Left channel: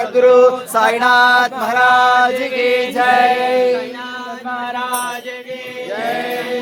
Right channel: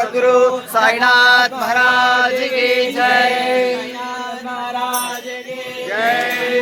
सद्गुरु साईनाथ महाराज की जय। महाराज की जय।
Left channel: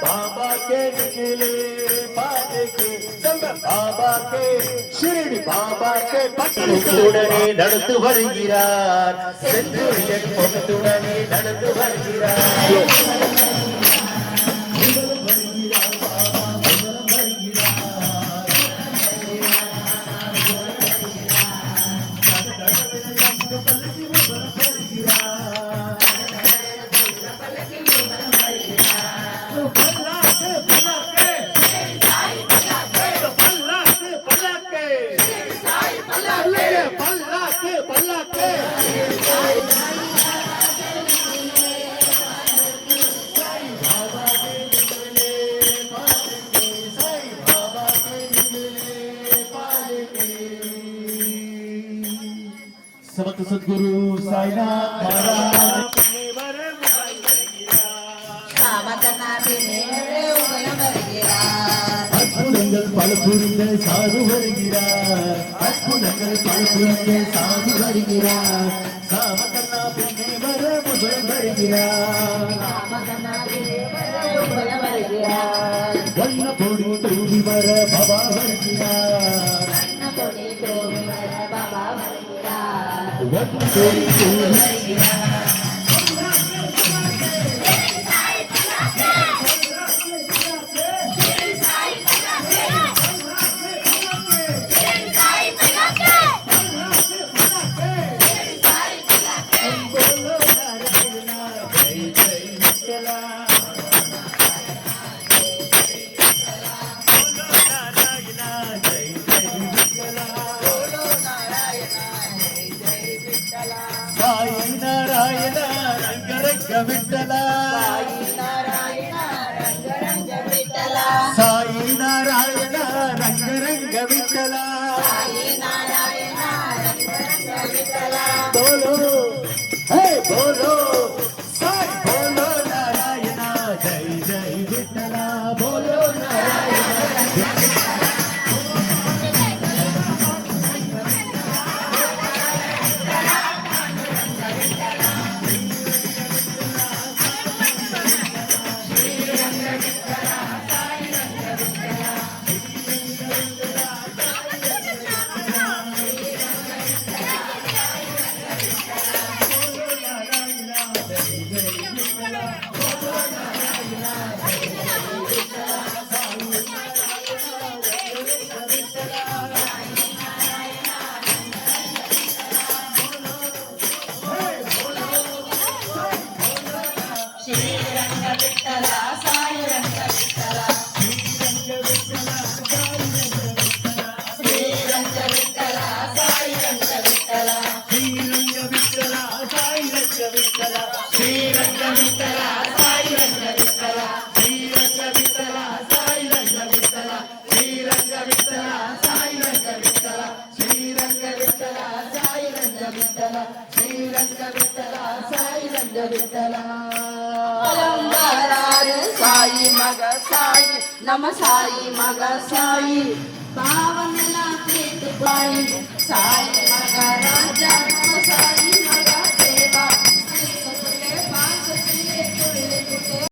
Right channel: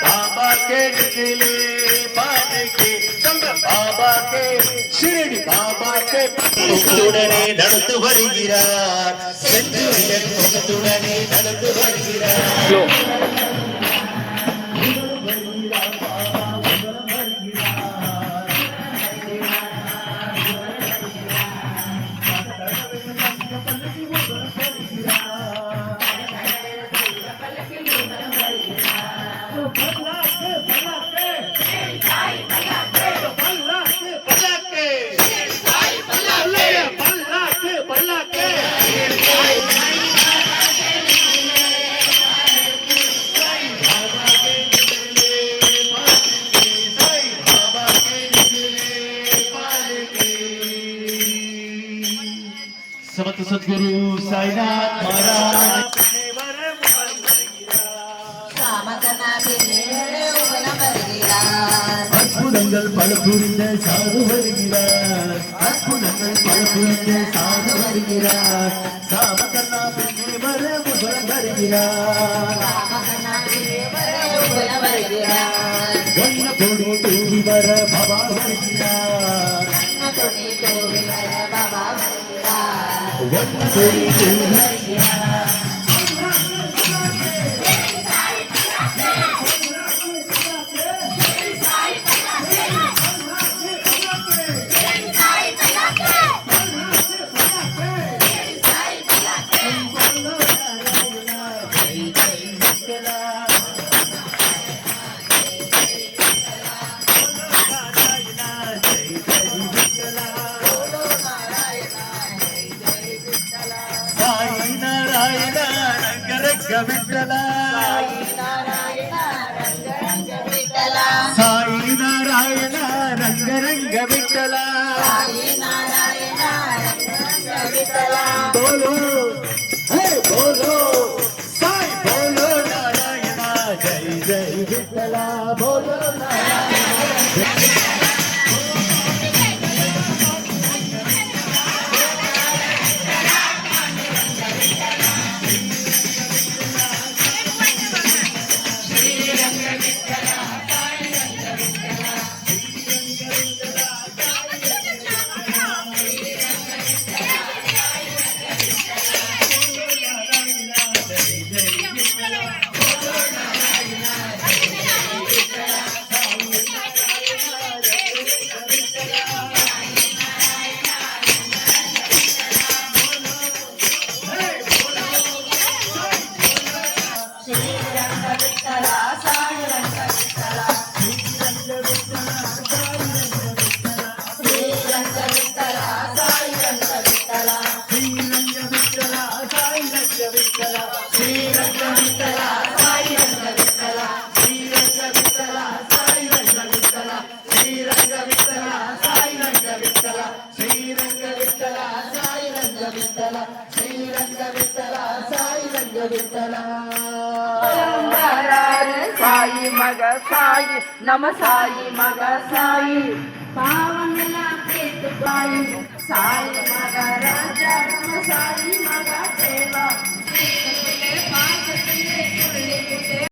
बाबा के निकले पान के संग बाबा के शिरडी बाबा के பக்கத்துடனே நடந்து வருகிறார் செந்தூரியன் முகத்துடனே நடந்து வருகிறார் समर्थ सद्गुरु साईनाथ महाराज அற்புதங்கள் பல புரிந்த சாது வருகிறார் அற்புதங்கள் பல புரிந்த சாது வருகிறார் சாமகர்ணா பின்னே வர முதலம் வருகிறார் வண்ண பொடி தூவி வர பாபா வருகிறார் வண்ண பொடி தூவி साई नारायण रंग विठ्ठला साई नारायण रंग विठ्ठला बोलो हे बोलो साई बोलो नारायण जय जय विठ्ठला बोलो नारायण श्रीरंग विठ्ठला साई रंग विठ्ठला श्रीरंग विठ्ठला साई रंग विठ्ठला श्रीरंग विठ्ठला साई रंग विठ्ठला श्रीरंग विठ्ठला साई रंग विठ्ठला श्रीरंग विठ्ठला साई रंग विठ्ठला साई मग साई नम साई मग साई पावनला प्रेत बाई साई मग राजा नम साई मग देवा कुठे पाच कुठे कुठे कुठे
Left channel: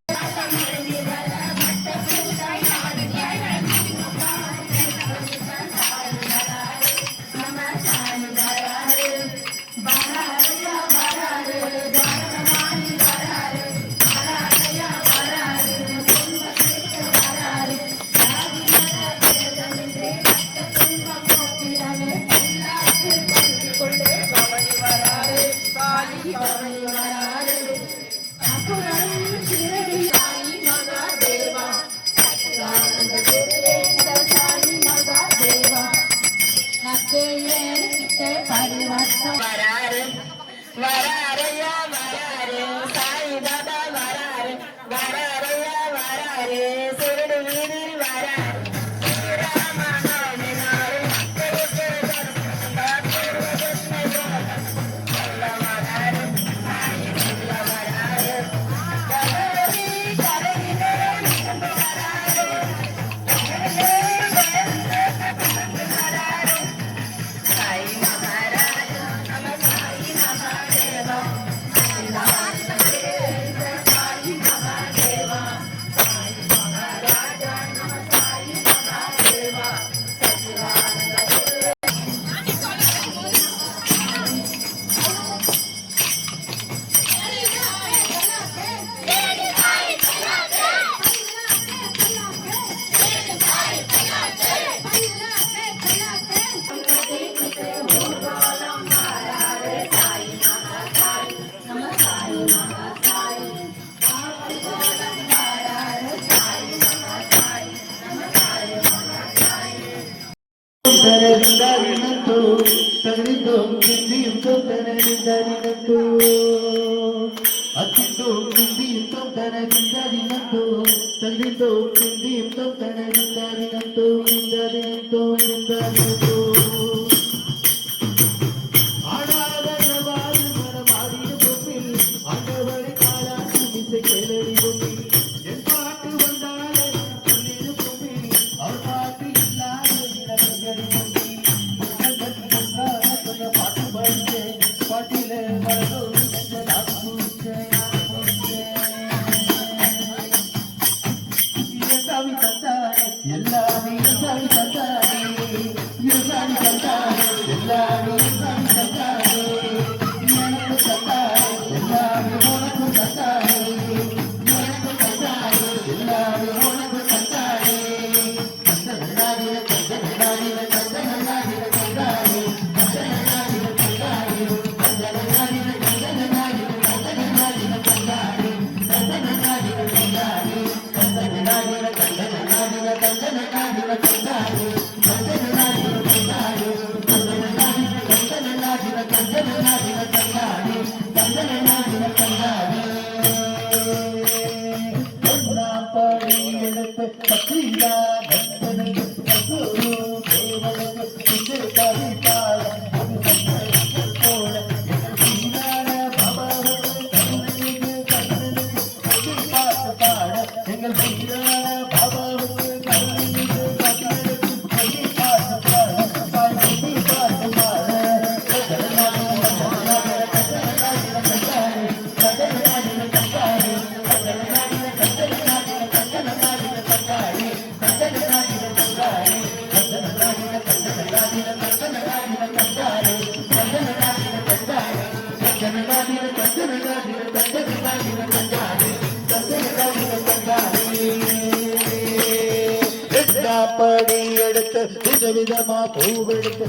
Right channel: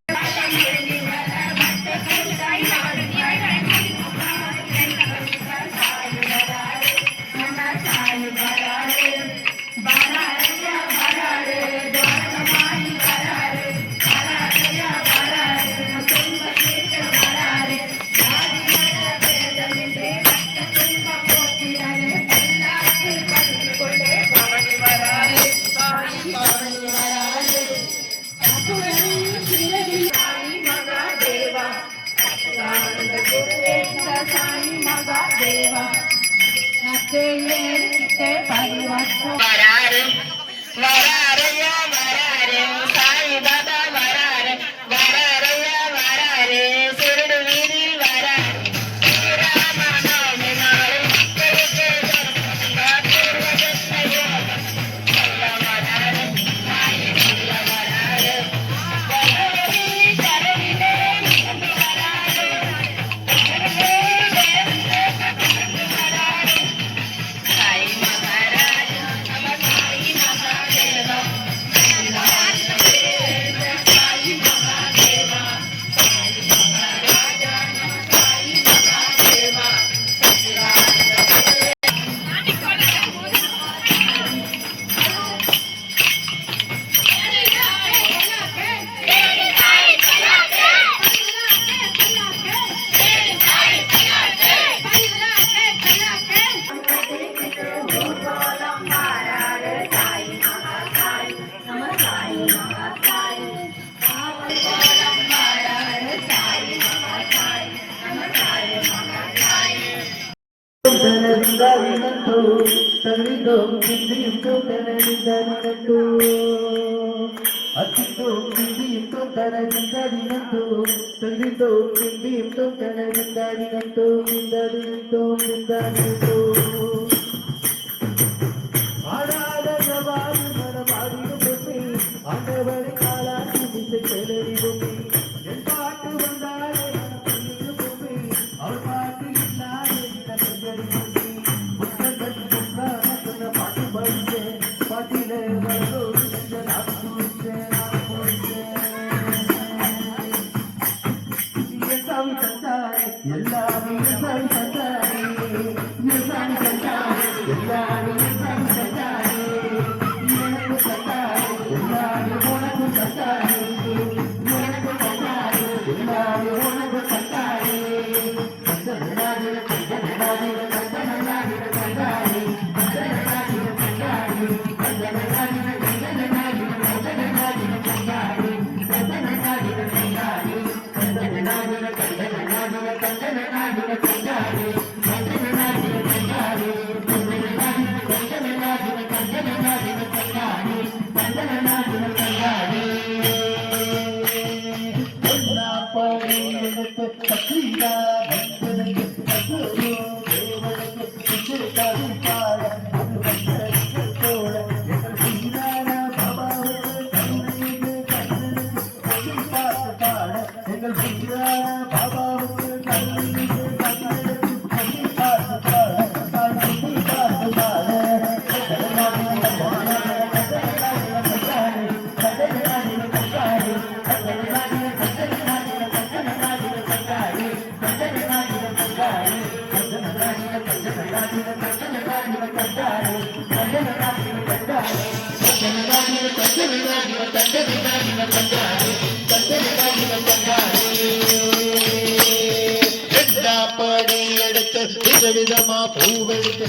விதமா பூவெடுத்து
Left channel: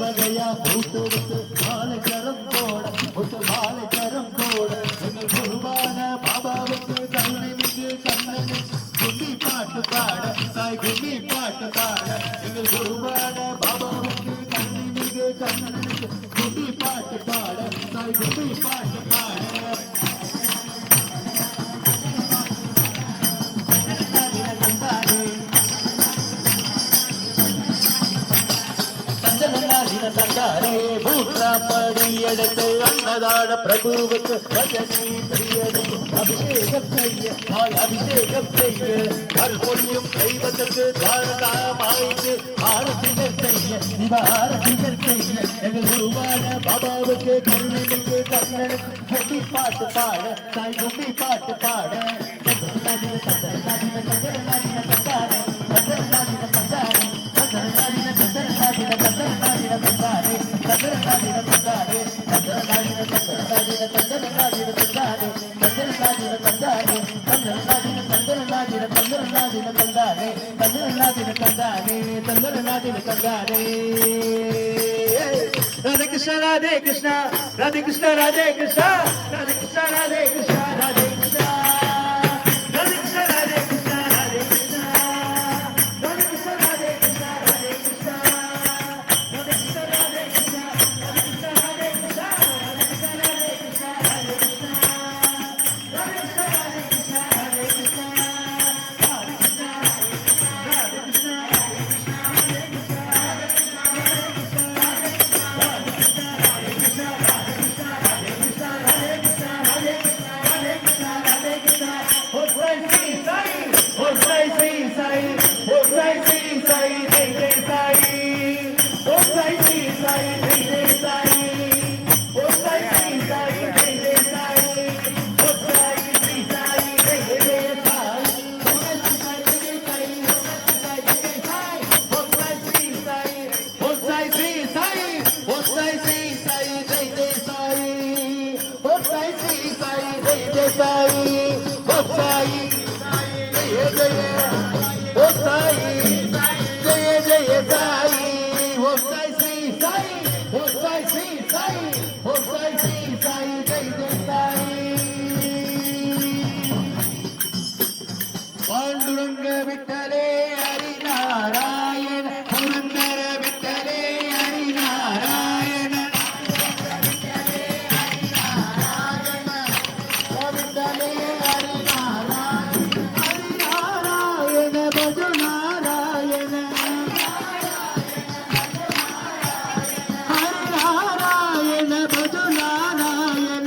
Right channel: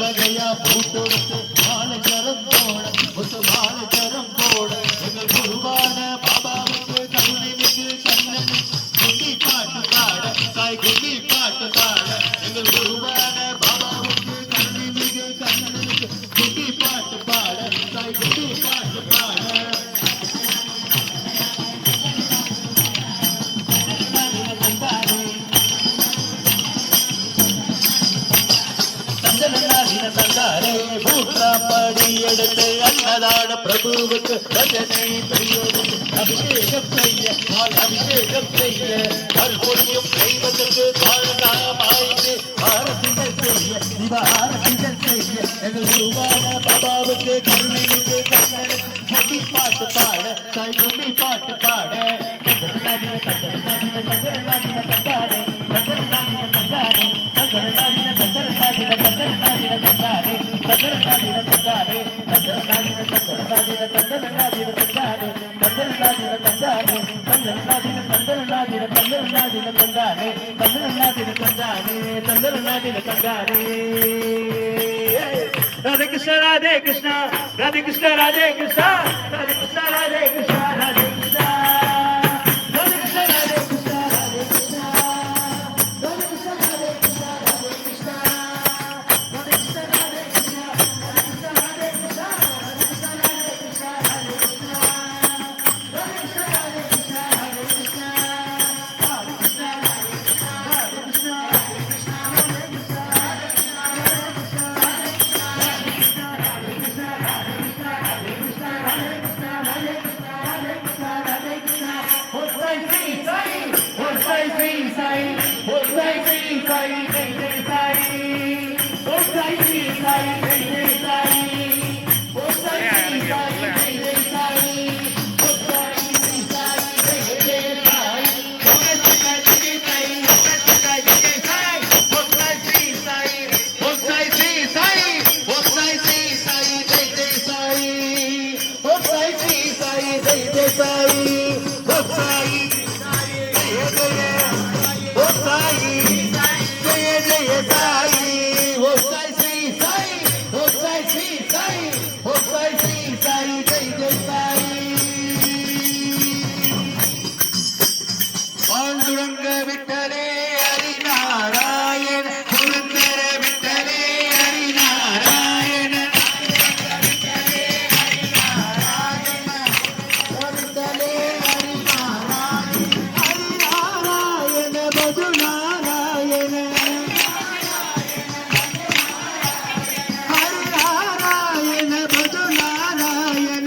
வகையா பூத்தொடுத்து மாலைச்சரம் போட ஒத்து மாலைச்சரம் போட எங்கள் குருவான பாபாவுக்கு கருணை மிகு கண்ணனு குங்கி பாட்டு பாட தாய் குங்கி பாட்டு பாட எங்கள் குருவான பாபாவுக்கு கருணை மிகு கண்ணனுக்கு குங்கி பாட்டு பாட தாய் குங்கி பாட்டு பாட படி எடுத்து அன்னதான பிரபுவுக்கு ரஜனை பெரியவருக்கு அபிஷேகம் செய்ய அபிஷேகம் செய்ய மறுபடியும் தெய்வத்துக்கு காரணமாயிட்டு ஆரத்திகள் செய்ய ஆரத்திகள் செய்ய எங்கள் குருவான பாபாவுக்கு கருணைக்கு கண்ணனுக்கு முட்டி பாட்டு பாட தாய் முட்டி பாட்டு பாட Radhe Krishna, Radhe Krishna, Radhe Krishna, Radhe Krishna, Radhe Krishna, Radhe Krishna, Radhe Krishna. Pandurang विठ्ठले Hari Narayan Purandar विठ्ठले Hari Narayan विठ्ठले Hari Narayan विठ्ठले Hari Narayan भज नारायण हरि नारायण भज नारायण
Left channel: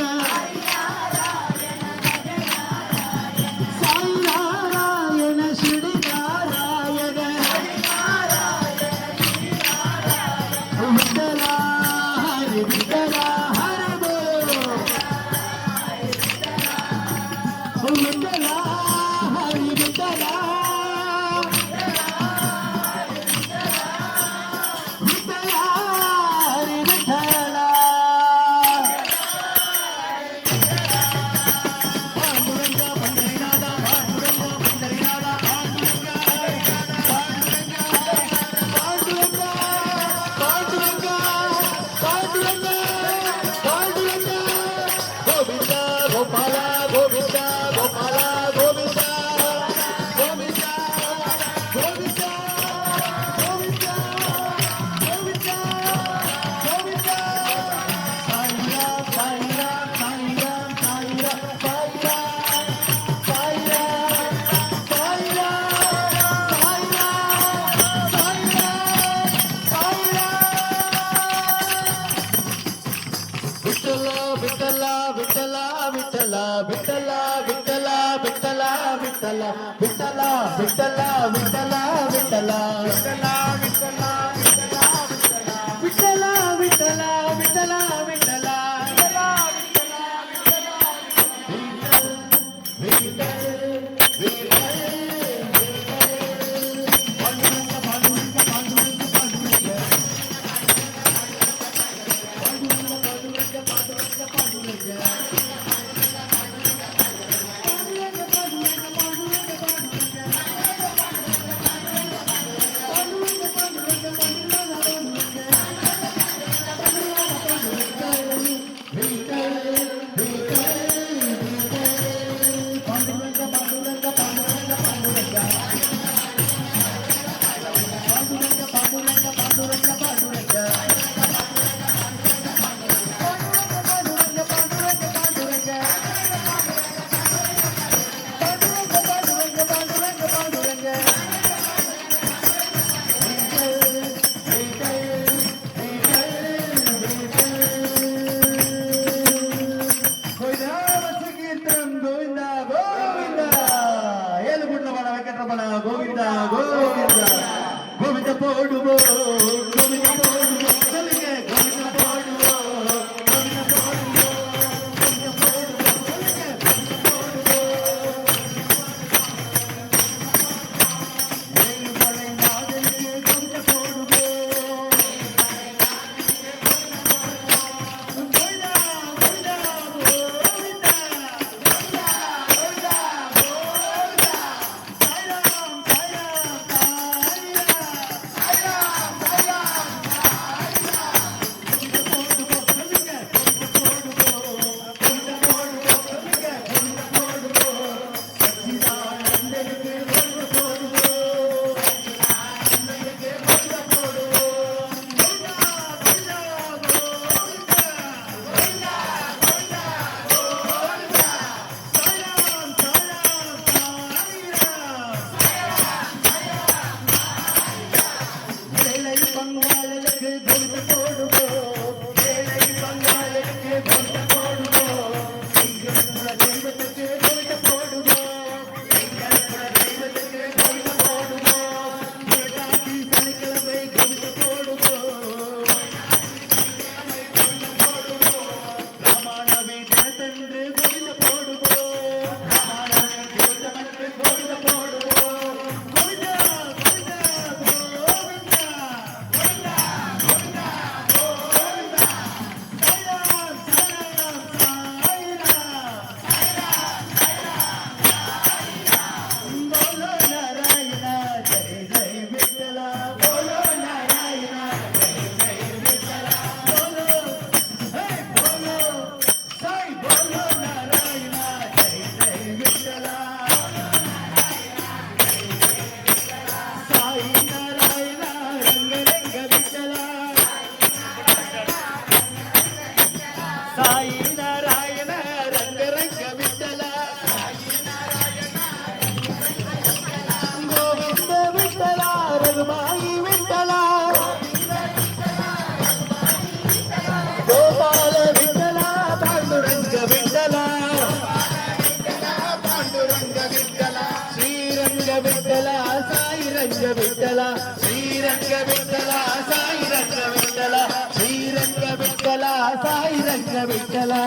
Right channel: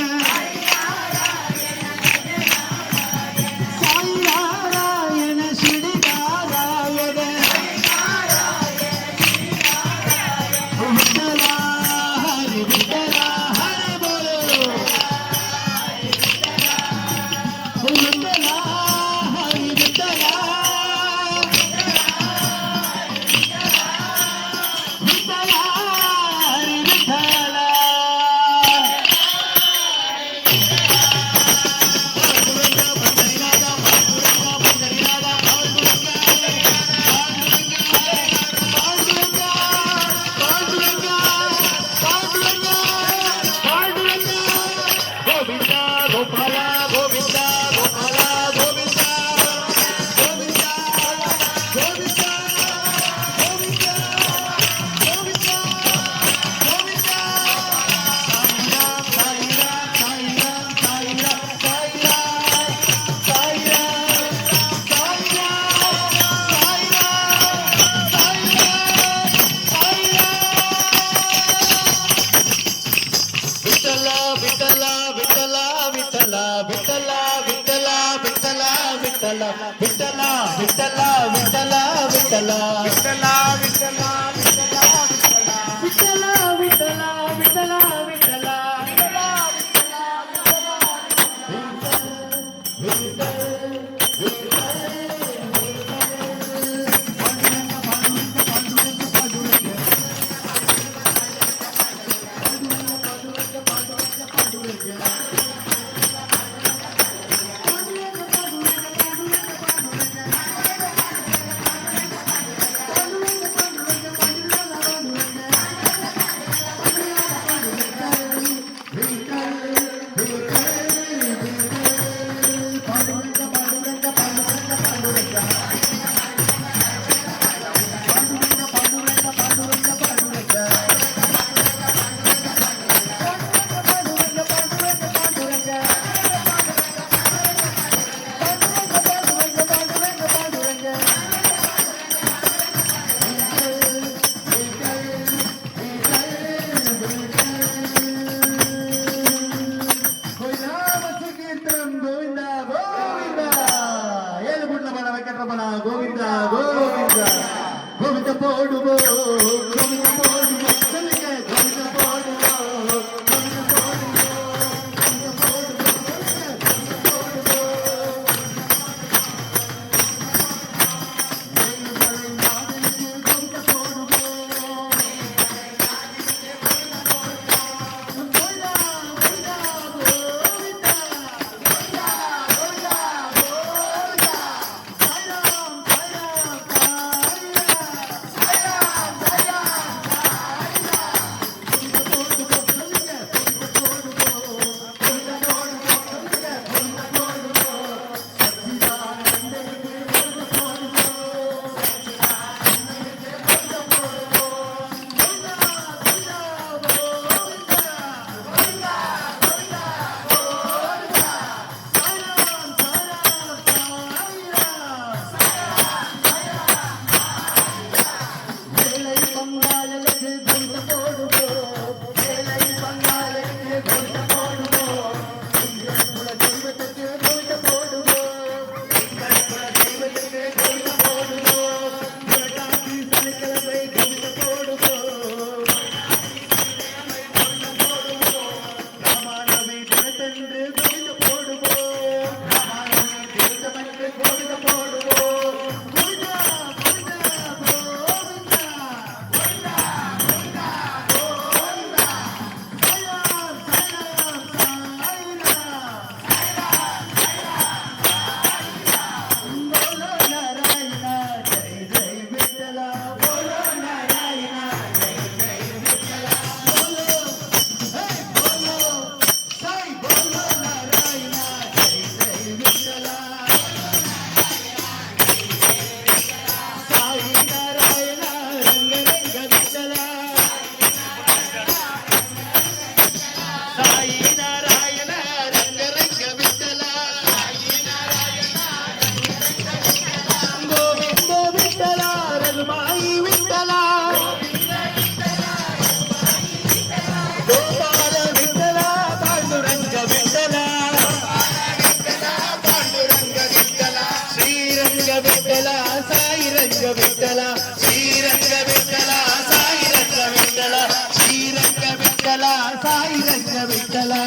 विठ्ठला श्रीरंग विठ्ठला साई रंग विठ्ठला श्रीरंग विठ्ठला साई रंग विठ्ठला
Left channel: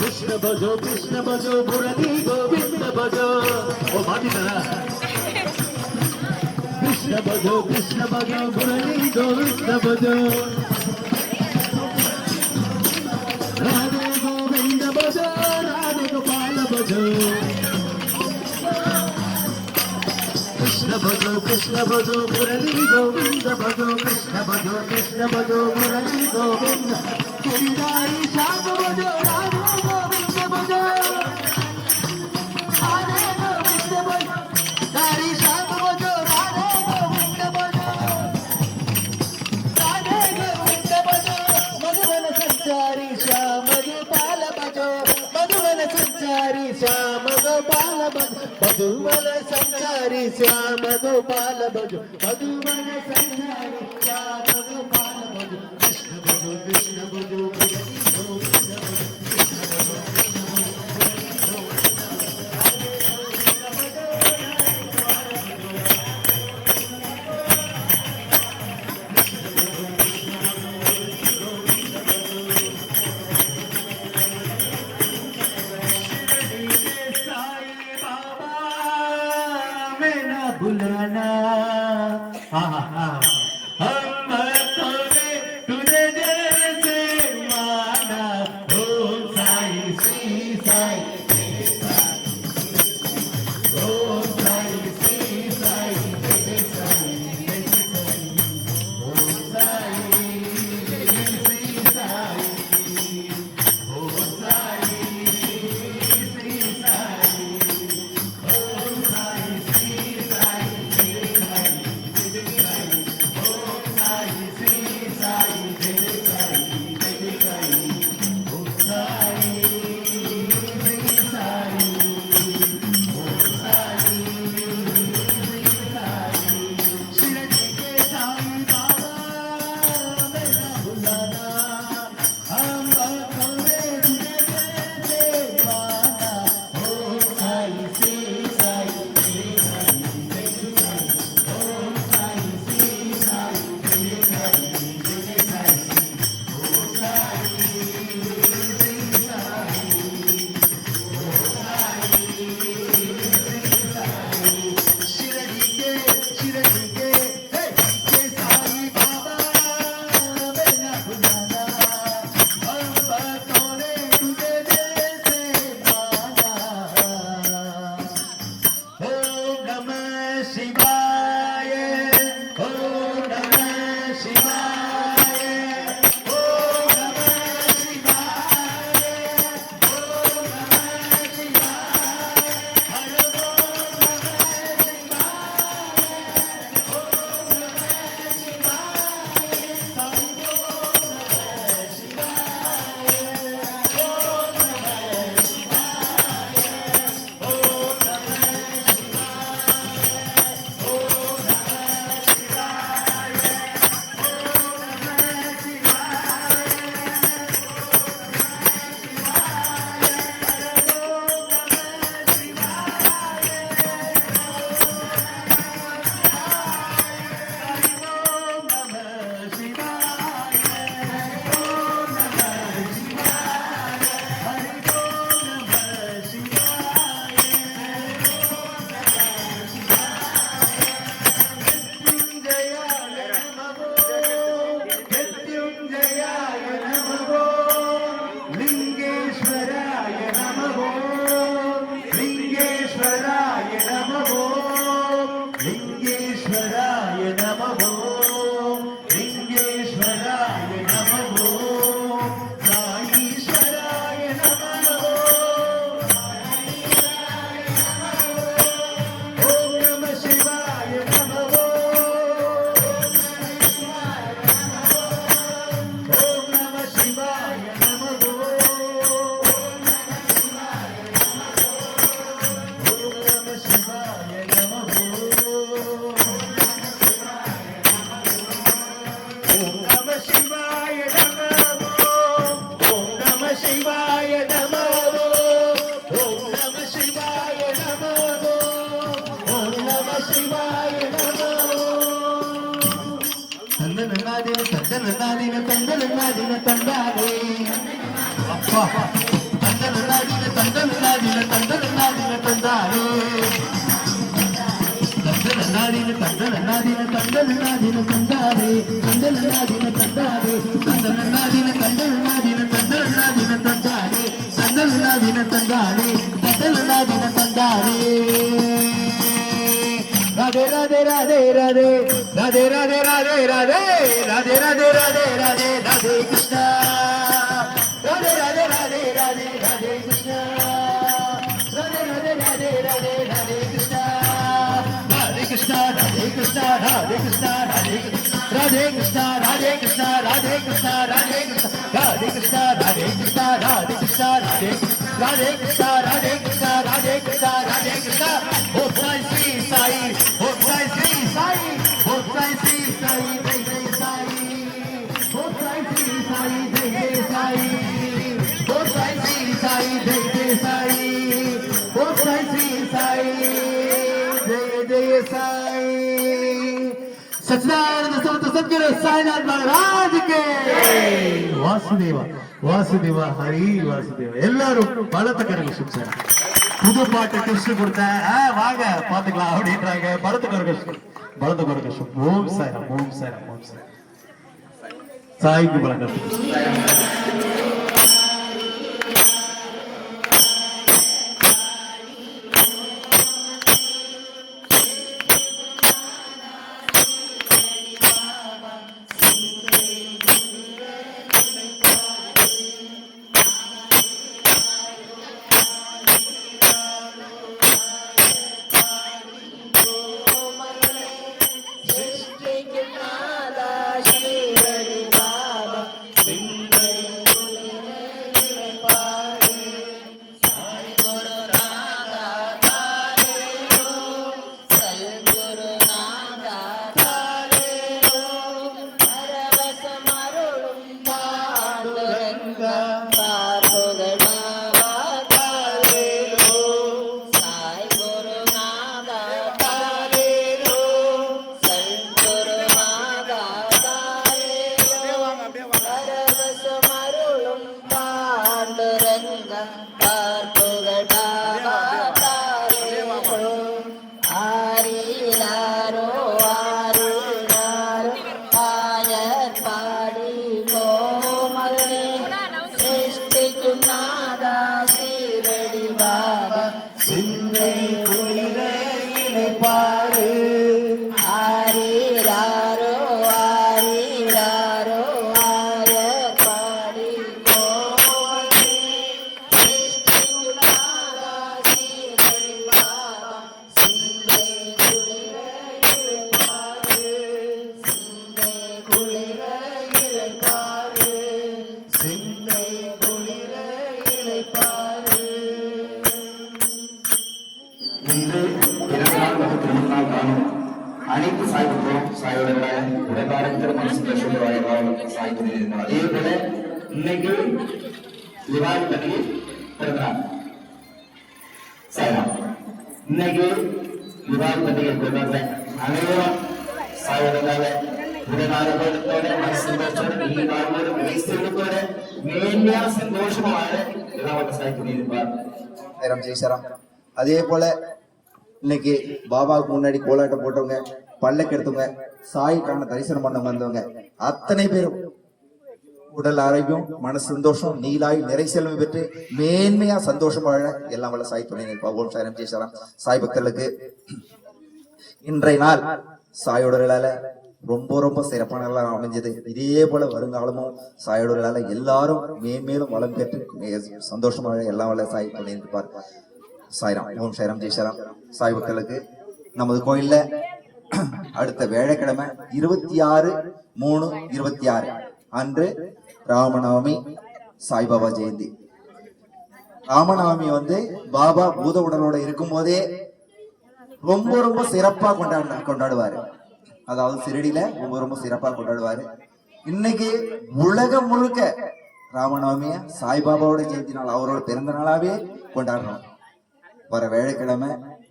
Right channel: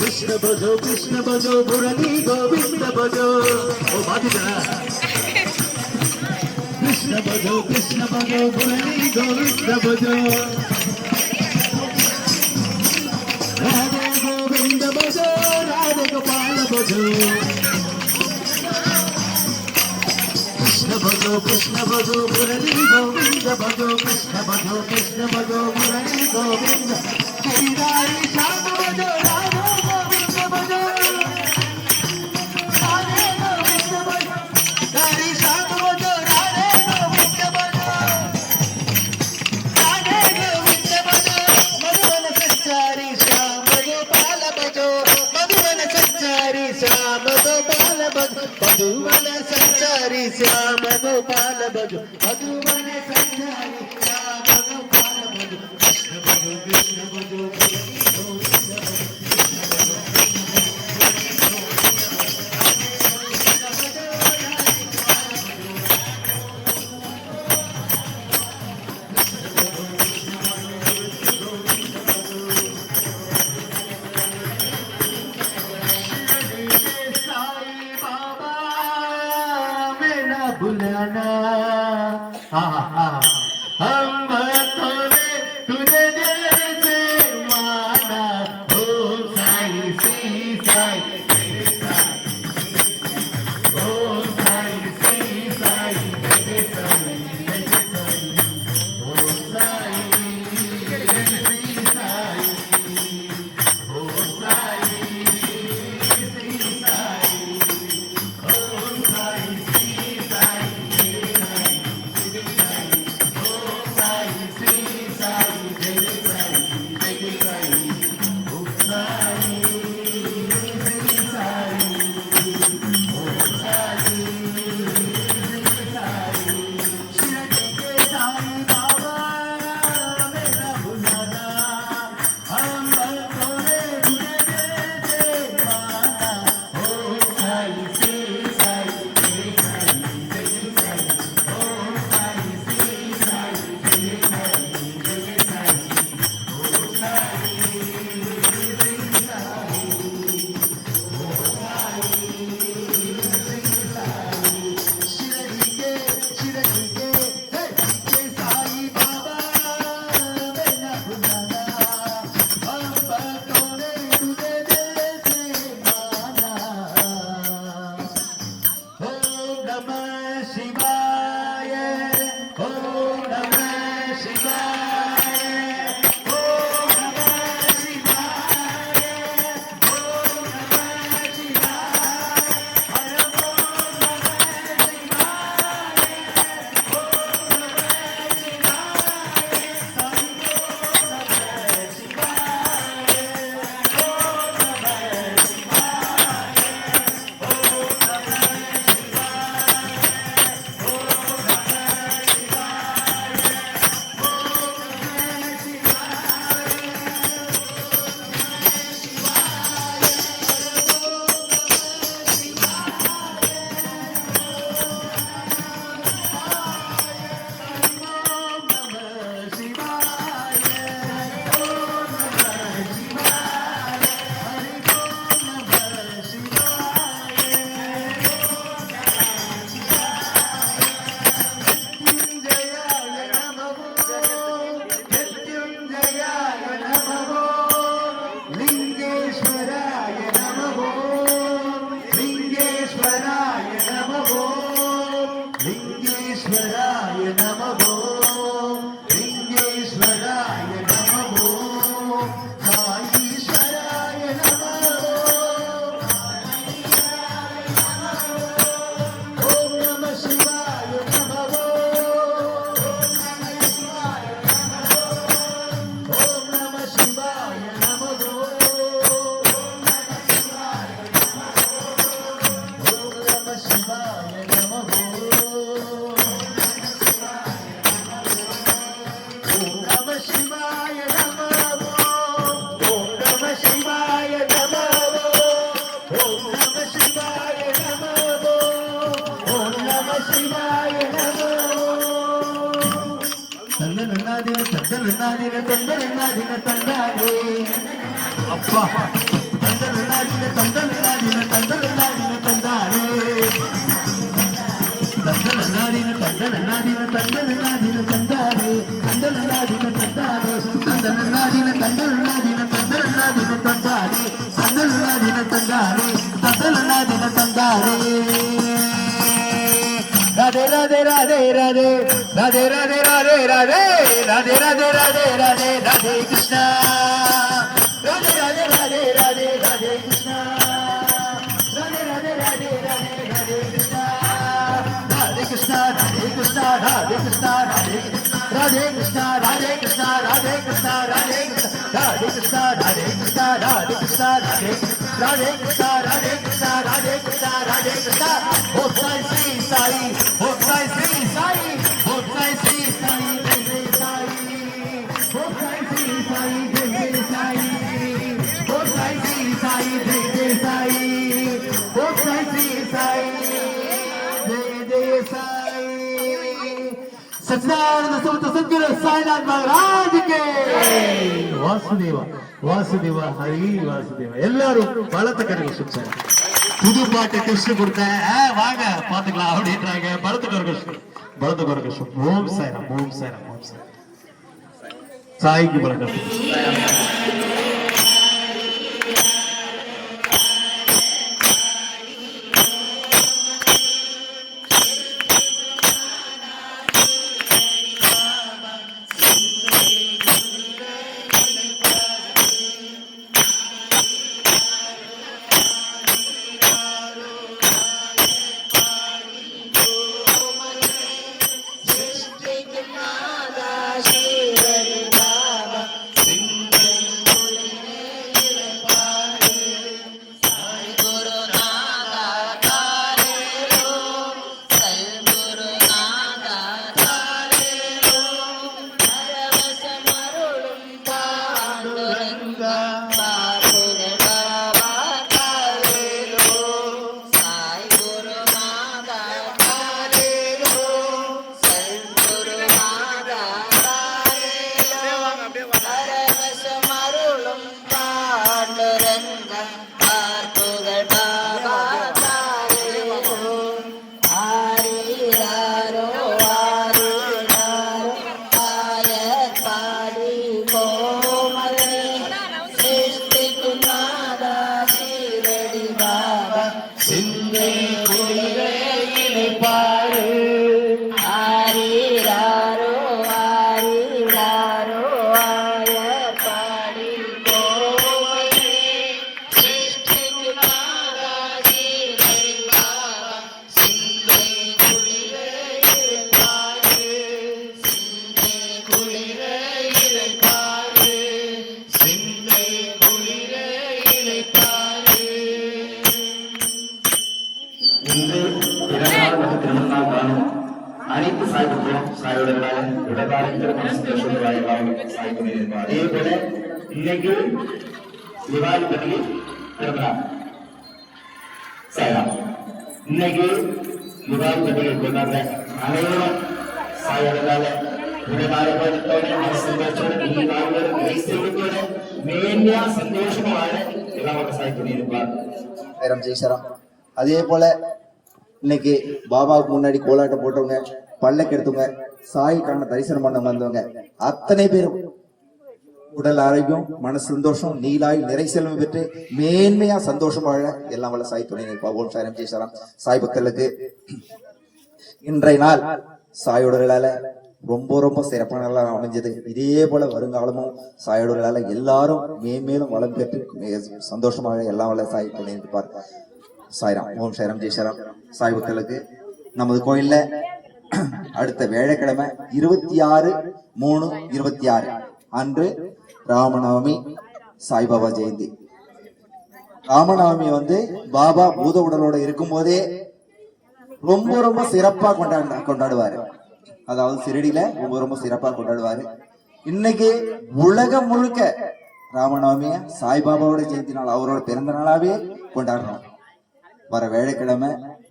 कृष्ण भजो मुरली गोविंद भजो ओ भाभी जरा कृष्ण भजो मुरली गोविंद भजो राधे गोविंद भजो राधे गोपाल भजो कृष्ण भजो मुरली गोविंद भजो कृष्ण भजो मुरली गोविंद गिरिधारी श्याम भजो राधे गोविंद भजो राधे गोविंद भजो धारी श्याम भजो राधे गोविंद भजो राधे गोविंद भजो मधुवन संचारी श्याम गोपाल भजो मधुवन संचारी श्याम गोपाल भजो मधुवन संचारी श्याम गोपाल भजो मधुवन संचारी श्याम गोपाल भजो कृष्ण भजो साई बाबा मैं ना भुलाना हम भक्तों ने तुझे दिल से माना ओ साई श्री साई ओ साई श्री साई ओ साई श्री साई ओ साई श्री साई ओ साई श्री साई அப்பா தந்தனாதின தந்தனாதின தந்தனாதின தந்தாரே தந்தனாதின தந்தனாதின தந்தனாதின தந்தாரே தந்தனாதின தந்தாரே தந்தனாதின தந்தனாதின தந்தனாதின தந்தாரே தந்தனாதின தந்தாரே தந்தனாதின தந்தாரே राधे राधे राधे राधे राधे राधे राधे राधे राधे राधे राधे राधे राधे कृष्णा राधे राधे राधे राधे राधे कृष्णा राधे राधे राधे राधे राधे कृष्णा राधे कृष्णा राधे कृष्णा राधे कृष्णा राधे कृष्णा राधे कृष्णा राधे कृष्णा राधे कृष्णा राधे कृष्णा राधे कृष्णा राधे कृष्णा राधे कृष्णा राधे कृष्णा राधे कृष्णा ओ श्री साई ओ श्री साई ओ श्री साई जय जय साई ओ श्री साई जय जय साई ओ श्री साई जय जय साई ओ श्री साई जय जय साई सच्चिदानंद समर्थ सद्गुरु साईनाथ महाराज के वासुदेव वासुदेव हरि वासुदेव எல்லாரும் பலத்த கரங்களை சுற்றாங்க புது பாட்டு டெஸ்ட் கொடுத்தேன் வாங்க பாத்துக்கலாம் அப்படின்றாங்க பலத்துக்கு ஓம் சாய்ராம் ஓம் சாய்ராம் ஓம் சாய்ராம் சாய்க்கு பலக்கம் இன்று 24 மற்றும் 3 காலம் அனைத்து சாய்வுகளும் சாயோட உடலாளர்கள் சந்தோஷம் சாய் பண்ணியிருந்தோம். அதே போல இன்னைக்கு திவாலி பண்டிகை பிறந்தார் சாய்ராம். இன்னைக்கு திவாலி பண்டிகை கொண்டாடுற அனைவரும் சாயோட உடலாளர்களோட சந்தோஷத்தோட நீ வாழ்வோட வயசோட மேன்மையா சந்தோஷமாக எல்லாம் சாய் பண்ணியிருப்பார். ஜெய்சராம். அதே போல இன்னைக்கு பாபாவுக்கு முன்னாடி கோலாட்டம் போட்டவங்க, பல்லக்கு எடுத்தவங்க, சாய்க்கான தரிசனம் பண்ண வந்தவங்க அத்தனை பேரும் உடல் ஆரோக்கியம், மன சந்தோஷம், நீலாய் நிறை செல்வம் பெற்று மேன்மையா சந்தோஷம் வாழ எல்லாம் வல்ல சாய் துணை நிற்பா. ஓம் சாய்ராம் ஜெய்சராம். சாய் பக்தர்களுக்கு இன்றைய நாள் சாயோடர்களால ரொம்ப ரொம்ப சிறப்பான நாளாக அமைஞ்சது. இதே போல வருங்காலமும் சாயோடர்களால எல்லாரும் மேன்மேலும் வளம் பெற்று சந்தோஷமாக எல்லாம் வல்ல சாய் துணை நிற்பார். சாய்ராம். ஓம் சாய்ராம் ஜெய்சராம். சாய் பக்தர்களுக்கு நமது கோயில்ல அடுத்த வேலைக்கிழமை 26/3/26 அன்று ராமநவமி, சாய்பாபா ஜெயந்தி. ராமநவமி பாபா பூத உடலோட இருக்கும் போதே ரொம்ப ரொம்ப சிறப்பா கொண்டாடுவாரு. அதாவது சிறடியில ரொம்ப ரொம்ப சிறப்பா கொண்டாடுவாரு. இன்னைக்கு உலகம் முழுக்க ராமநவமிய சாய்பாபாவோட ஜெயந்தி நாள், அவரோட பிறந்த நாளாவே கொண்டாடுறோம். வர வேலைக்கிழமை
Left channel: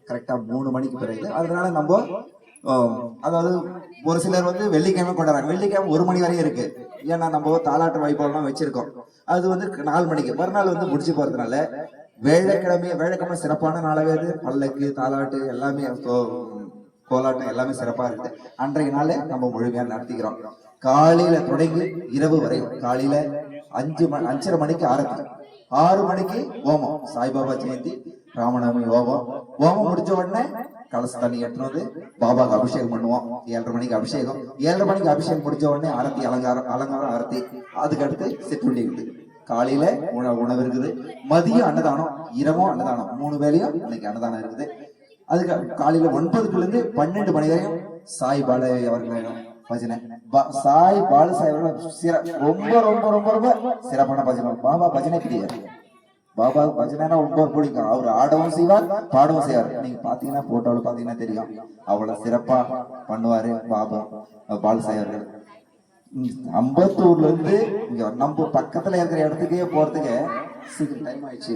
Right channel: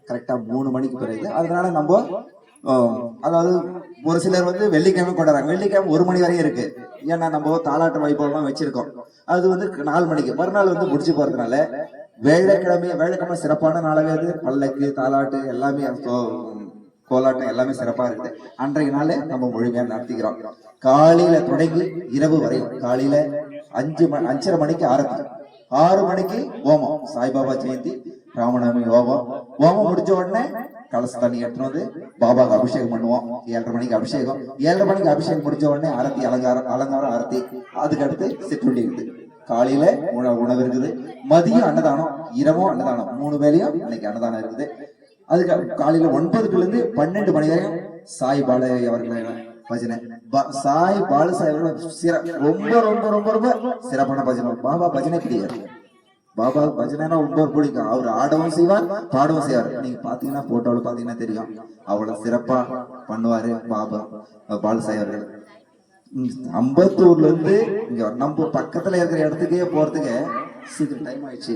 கரெக்டா 3 மணிக்கு பிறகு. அதனால நம்ம அதாவது ஒரு சிலர் வந்து வெள்ளிக்கிழமை கொண்டாடுறாங்க. வெள்ளிக்கிழமை 1 மணி வரையும் இருக்கு. ஏன்னா நம்ம தாலாட்டு வைபவம்லாம் வச்சிருக்கோம். அது வந்து 4 மணிக்கு மறுநாள் வந்து முடிச்சு போறதுனால வேலைக்கிழமை சிறப்பான நாளாவே அது. பல்லக்கு, தாலாட்டு எல்லாமே கோலாட்டம் எல்லாமே சிறப்பா இருக்குது. அன்றைய நாளே நம்ம முழுமையா நடத்திக்கிறோம். காலையில தொடங்கி இரவு வரையும். காலையில 5:30 மணிக்கு ஆரத்தி, 6 மணிக்கு ஹோமம், சாய்பாபா ஜெயந்தி, ராமநவமி ஹோமம் முடிஞ்ச உடனே கலச தண்ணி எடுத்துட்டு வந்து பாபாவுக்கு அபிஷேகம் பண்ணுவோம். 7:30 மணிக்கு அபிஷேகம். 7:30 மணிக்கு அபிஷேகம் முடிஞ்ச உடனே ஆரத்தி, அலங்காரம் ஆரத்தி. அதுக்கு அடுத்து சிற்றுண்டி இருக்குது. காலையில உணவு இருக்குது, மதியம் அன்னதானம், இரவும் அன்னதானம், 3 வேளையும் இன்னைக்கு அன்னதானம் இருக்குது. அதுக்கு காலையில 9 இருந்து 12 மணி வரையும் சாய் பாலு அவர்கள் பஜனை. சாய் பாலு சாய் அவர்கள் ரொம்ப ரொம்ப ரொம்ப ரொம்ப சிறப்பான பஜனை. பாபா பஜனை பிடிக்காது. பாபா பஜனைனா ரொம்ப பிடிக்கும். அவர் ஆடவும் செய்வார், பாடவும் செய்வார். நீங்க பாத்தீங்கன்னா போட்டோல பாத்தீங்கன்னா தெரியும், அவ்வளவு சிறப்பா பண்ணுவாரு பாபா பாலு சாய் அவர்கள். அம்பத்தூர்ல இருந்து இங்க நம்ம பக்கத்துல இருக்கிற இடத்துக்கே போறதுக்கு சீக்கிரம் டைம் ஆயிடுச்சு.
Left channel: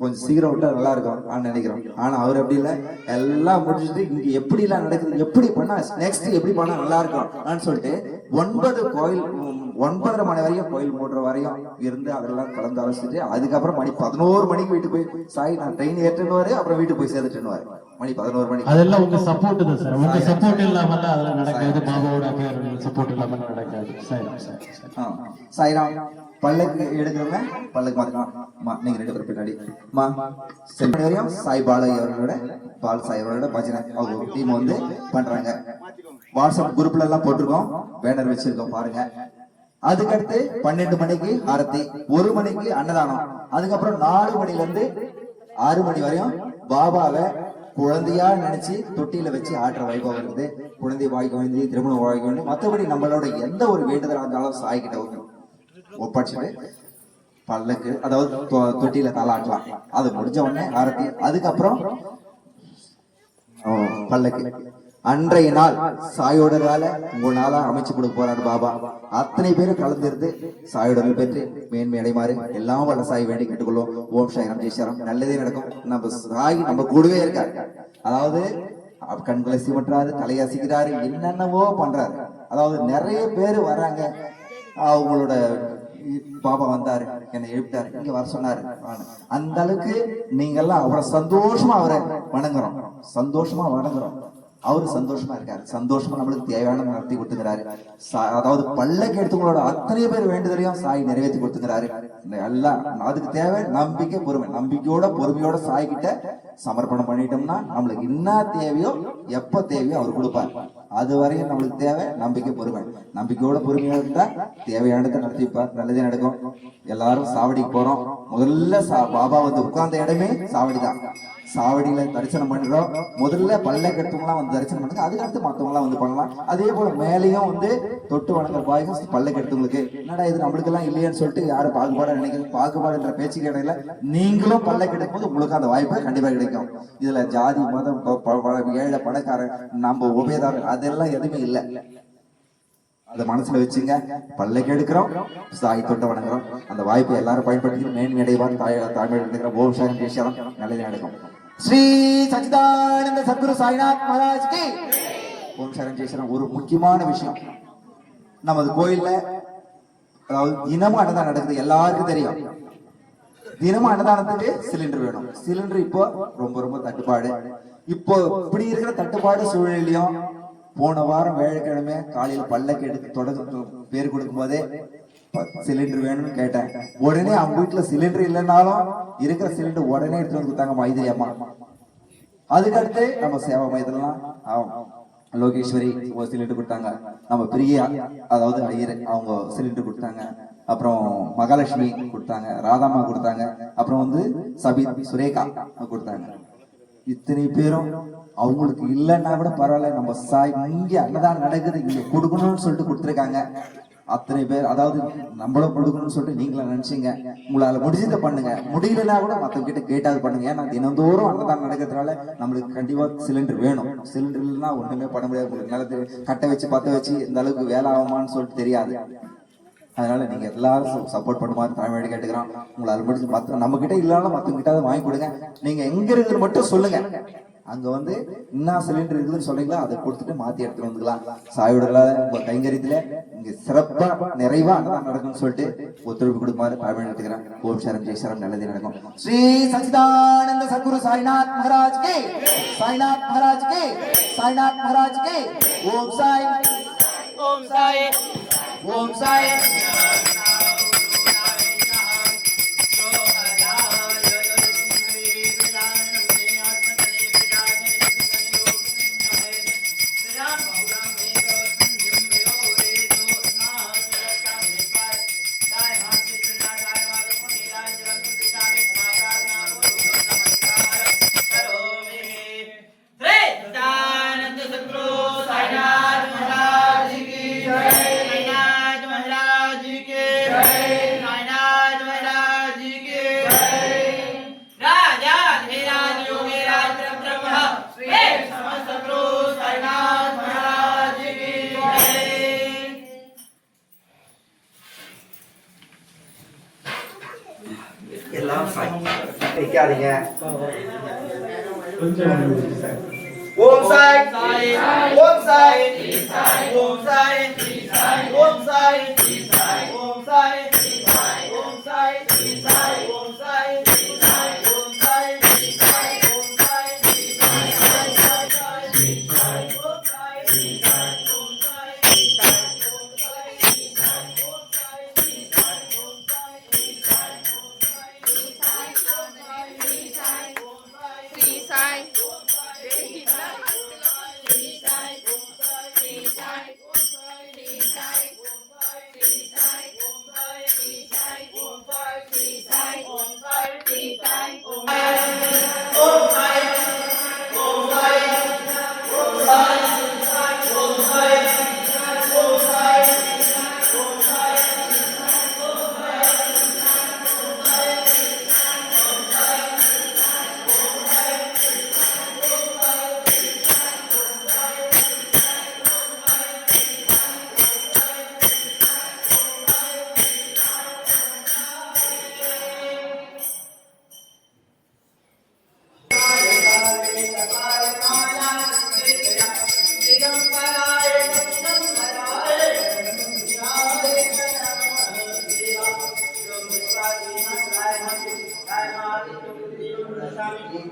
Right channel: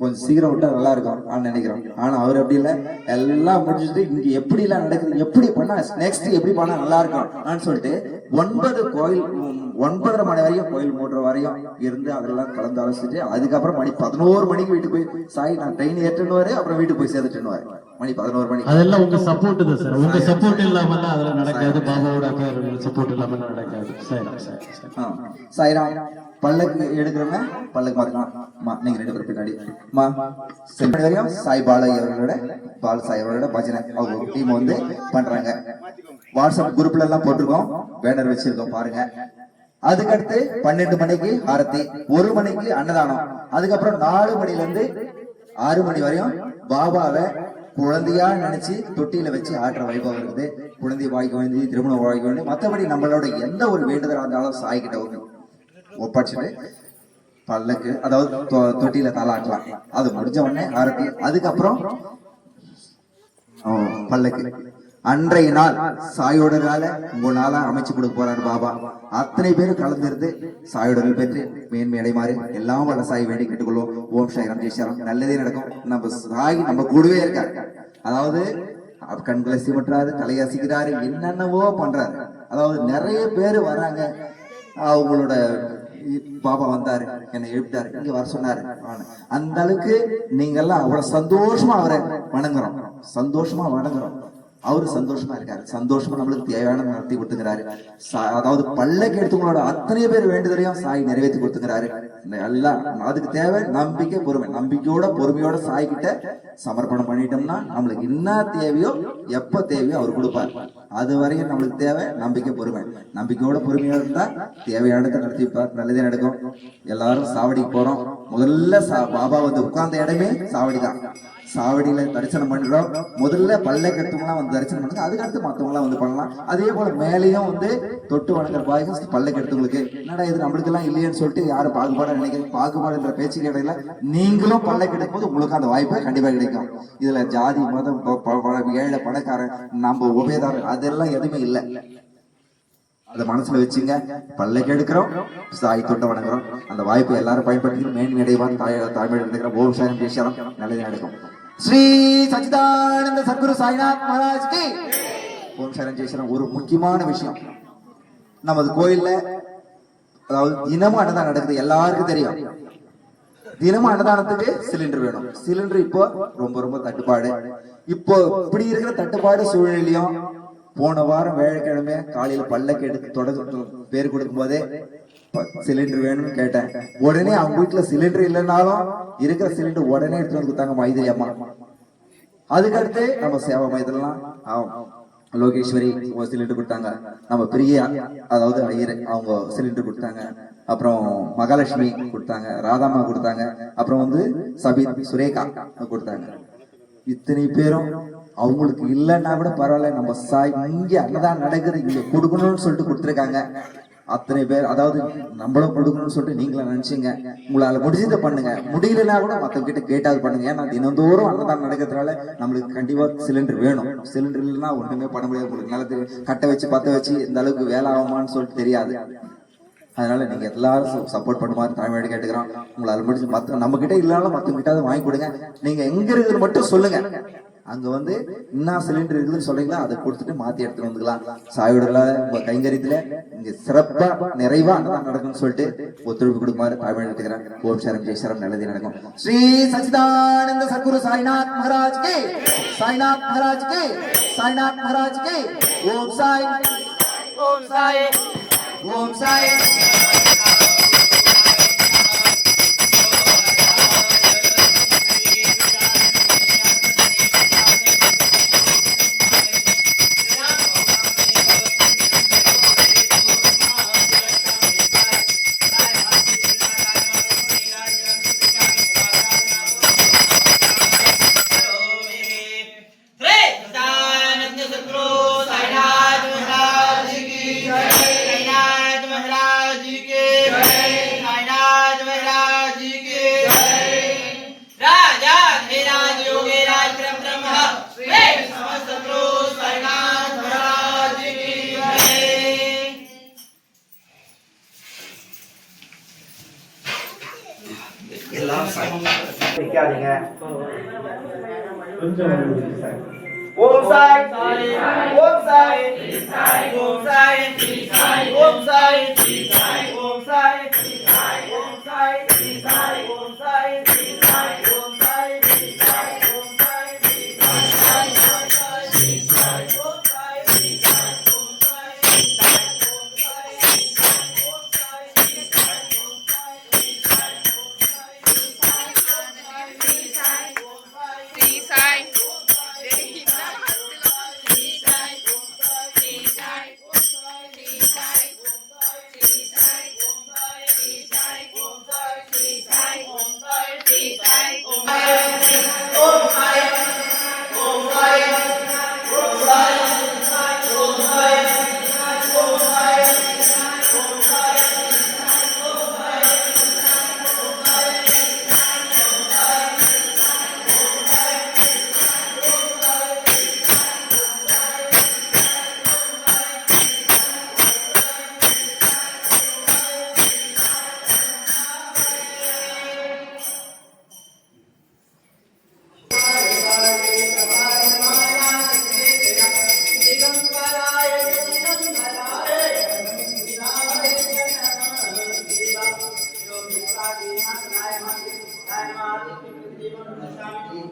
கொஞ்சம் சீக்கிரம் விட்டா நல்லா இருக்கும் நினைக்கிறோம். ஆனா அவர் அப்படி இல்லை, எல்லாம் முடிச்சுட்டு இங்க எப்படி எல்லாம் நடக்குது, எப்படி பண்ணா நெக்ஸ்ட் எப்படி பண்ணா நல்லா இருக்கும் சொல்லிட்டு 9 கோயில் 9:30 மணி வரையும் கோயில் மூடுற வரையும் இருந்து அதெல்லாம் கலந்து ஆலோசிச்சுட்டு அதுக்கப்புறம் மணி 11 மணிக்கு வீட்டுக்கு போய் சாய் நான் ட்ரெயின் ஏற்றுன்னு அப்புறம் வீட்டுக்கு போய் சேர்த்துட்டுன்னு மணி 11 மணிக்கு. அதெல்லாம் உங்க சப்போர்ட் தான் சார். உங்க சப்போர்ட் இல்லாம அதெல்லாம் நடக்காது. பாபாவோட சப்போர்ட் இல்லாம நடக்காது. சாய்ராம். பல்லக்கு எடுக்கிறவங்க பல்லக்கு மாத்திக்கலாம். நீங்க 2 பேர் பின்னாடி வரையும் சாய் பாலு அவர்களோட பால் சாய் அவர்களோட பஜனை அவங்க டீம் வந்து பண்றாங்க. வாட்ஸ்அப் குரூப்ல எல்லாம் போட்டிருக்கோம், பேனர் வச்சிருக்கோம் பாருங்க. அதுக்கடுத்து 12 மணிக்கு ஆரத்தி, 1 மணிக்கு அன்னதானம். அதுக்கப்புறம் 4 மணில இருந்து 6 மணி வரையும் பாபாவை குழந்தையா நினைச்சு தொட்டியில வச்சு ஆடுற வைபவம் இருக்குது. குழந்தை வாய்க்கு வேண்டி, திருமணம் வாய்க்கு வேண்டி, மற்றபடி நம்மளோட எந்த ஒரு வேண்டுதலா இருந்தாலும் சாய்கிட்ட ஒப்படைச்சிட்டு பல்லக்கு அதாவது தொட்டியில தாளாட்டலாம். அது முடிஞ்ச உடனே ஆரத்தி. அதுக்கப்புறம் பல்லக்கு. அன்றைய நாள் சாயோடரால உங்களால அமைச்சு கொடுக்க போறாரு பாபா. அத்தனை பேரும் கலந்திருந்து சாயோடர்கள் பெற்று மேன்மை அடைமாறு எல்லாம் வல்ல சாய் வேண்டி கேட்டுக்கொள்வோம். ஓம் சாய்ராம் ஜெய்சாரம். நல்லதே நடக்கும். நம்ம சாய் நம்ம கூடவே இருக்காரு. அதாவது கண்களை சிமட்டுறாரு, தலையசிக்கிறாரு, என்னென்னவோ பண்றாரு. அதாவது நிறைய பேர் வராங்க, அவங்களோட பாபா வந்தாரு, என்னை எழுப்பிட்டாரு, இங்க வர சொன்னாரு. அந்த அளவுக்கு நீங்க எல்லாம் அவ்வளவு சந்தோஷமா அவரை வணங்குறோம், சந்தோஷமா வணங்குறோம். அவரு சந்தோஷமா இருக்காரு. சந்தோஷமா நம்மளுக்கு தேவையான நடத்தி கொடுத்துக்கிறாரு. அதாவது பல்லக்கு எடுத்துங்களோட அத்தனை பேர் வேண்டுதலையும் சாய் நிறைவேற்றி கொடுத்துக்கிறாரு. எல்லாம் அதுக்கு தேவை நம்பிக்கை, பொறுமை. நம்பிக்கையோட பொறுமையோட சாய் கிட்ட சமர்ப்பணம் பண்ணிட்டோம்னா நம்மளுக்கு என்ன தேவையோ எப்ப தேவையோ அவர் கொடுப்பார். அது வரையும் நம்மளுக்கு தேவை நம்பிக்கை, பொறுமை. நம்பிக்கையோட பொறுமையா இருந்தா தேவையானதை நடத்திப்பார், நல்லதே நடக்கும். எல்லாரும் சாவடிக்கு போறோம். முதல்ல பாபா வந்து உட்கார்ந்த இடமே சாவடிதான். சாவடியில தரிசனம் பண்றோம். முதல்ல பல்லக்கு எடுத்தவங்களாம் வந்து தரிசனம் பண்ணுங்க, அதுக்கடுத்து மற்றவங்க எல்லாம் வந்து பண்ணலாம். அதே போல மேலேயும் வந்து தொட்டு வணங்குற பாய்க்கு பல்லக்கு எடுத்தவங்களுக்கு என்னடா இது நம்மளுக்கு எல்லாம் இல்லையன்னு சொல்லிட்டு யாரும் பாகுபாடு நினைக்கிறது. பாகுபாடுன்ற பேச்சு கிடையில நீங்களும் பல்லக்கு எடுக்கும் போது உங்களுக்கு அந்த வாய்ப்பு கண்டிப்பா கிடைக்கும். இதுல ஜாதி, மதம், ஏழை, பணக்காரன், நம்ம உபயதாரர் அதெல்லாம் எதுவுமே இல்லை. அதை மனசுல வச்சுங்க. பல்லக்கு எடுக்கிறோம், சாய் தொட்ட வணங்குறோம். அந்த வாய்ப்பை எல்லாரும் பயன்படுத்தி மேன்மை அடைவான். தாய்மொழி எடுக்கிறோம். ஓம் சாயம் பேசலாம், நல்லதே நடக்கும். ஸ்ரீ சச்சிதானந்த சத்குரு சாய்நாத் மகாராஜ்க்கு ஓம் சாயம் பேசலாம். ஒரு முக்கியமான விஷயம், நமது கோயில்ல அதாவது தினமும் அன்னதானம் நடக்குது, எல்லாருக்கும் தெரியும். தினமும் அன்னதானத்துக்கு சிலிண்டர் வேணும். சிலிண்டர் இப்போ ரொம்ப ரொம்ப தட்டுப்பாடு. இப்போ இப்படி இருக்கிற தட்டுப்பாடு சூழ்நிலையும் போன வாரம் வேலைக்கிழமை காலையில பல்லக்கு எடுத்து தொடர்ந்து பேர் கொடுக்கும் போதே சிலிண்டர் வேணும்னு கேட்டேன். உடனே அவங்க வீட்டுல சிலிண்டர் இல்லைன்னாலும் இருக்கிற சிலிண்டர் உடனே எடுத்து வந்து கொடுத்தாங்க மைதிரி அம்மா. அதுக்கடுத்து நம்ம சேவை மையத்திலாம் லோகேஸ்வரி சிலிண்டர் கொடுத்தாங்க. நம்ம பிரியா அதாவது ஐயர் அவங்க சிலிண்டர் கொடுத்தாங்க. அப்புறம் மகாலட்சுமி கொடுத்தாங்க, ராதாமா கொடுத்தாங்க, அப்புறம் வந்து சபீத், சுரேகா கொடுத்தாங்க. இத்தனை பேரும் அவங்களுக்கு இல்லைன்னா கூட பரவாயில்ல, நம்ம சாய் இங்க அன்னதானம் நடக்குது இங்க கொடுக்கணும்னு சொல்லிட்டு கொடுத்துருக்காங்க. அத்தனை பேர் அதாவது நம்மளும் கொடுக்கணும்னு சொல்லிட்டு நீங்களும் நினைச்சீங்க. உங்களால முடிஞ்சதை பண்ணுங்க, முடியலன்னா கூட மத்தவங்க கிட்ட கேட்டாது பண்ணுங்க. ஏன்னா தினந்தோறும் அன்னதானம் நடக்கிறதுனால நம்மளுக்கு கண்டிப்பா சிலிண்டர் வேணும். சிலிண்டர் இல்லைன்னா ஒண்ணுமே பண்ண முடியாது. உங்களுக்கு நிலத்து கட்டை வச்சு பத்த வச்சு இந்த அளவுக்கு வேலை ஆகுமான்னு சொல்லிட்டு தெரியாது. அதனால நீங்க எல்லாரும் சப்போர்ட் பண்ணுமாறு தாழ்மையோடு கேட்டுக்கிறோம். உங்களால் முடிஞ்சு நம்ம கிட்ட இல்லைனாலும் மற்றவங்க கிட்ட வாங்கி கொடுங்க. நீங்க எங்க இருக்குன்னு மட்டும் சொல்லுங்க, அங்க வந்து என்ன சிலிண்டர் இருக்குதுன்னு சொல்றீங்களா அதை கொடுத்துட்டு மாத்தி எடுத்துட்டு வந்துக்கலாம். சாயோட உங்க கைங்கரியத்துல இங்க சிறப்பா நிறைவா நடக்கும்னு சொல்லிட்டு ஒத்துழைப்பு கொடுக்குமாறு தாழ்மையோடு கேட்டுக்கிறேன். ஓம் சரம் ஜெய் சரம், நல்லதே நடக்கும். ஸ்ரீ சச்சிதானந்த சத்குரு சாய்நாத் மகாராஜ் கே, சாய்நாத் மகாராஜ் கே, சாய்நாத் மகாராஜ் கே. ஓம் சாய், ஓம் சாய், ஓம் சாய். எல்லாம் நிக்காதீங்க. ஓம் சாய், ஓம் சாய், ஓம் சாய், ஓம் சாய், ஓம் சாய், ஓம் சாய், ஓம் சாய், ஓம் சாய்.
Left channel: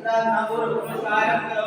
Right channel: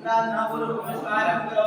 Namaskar.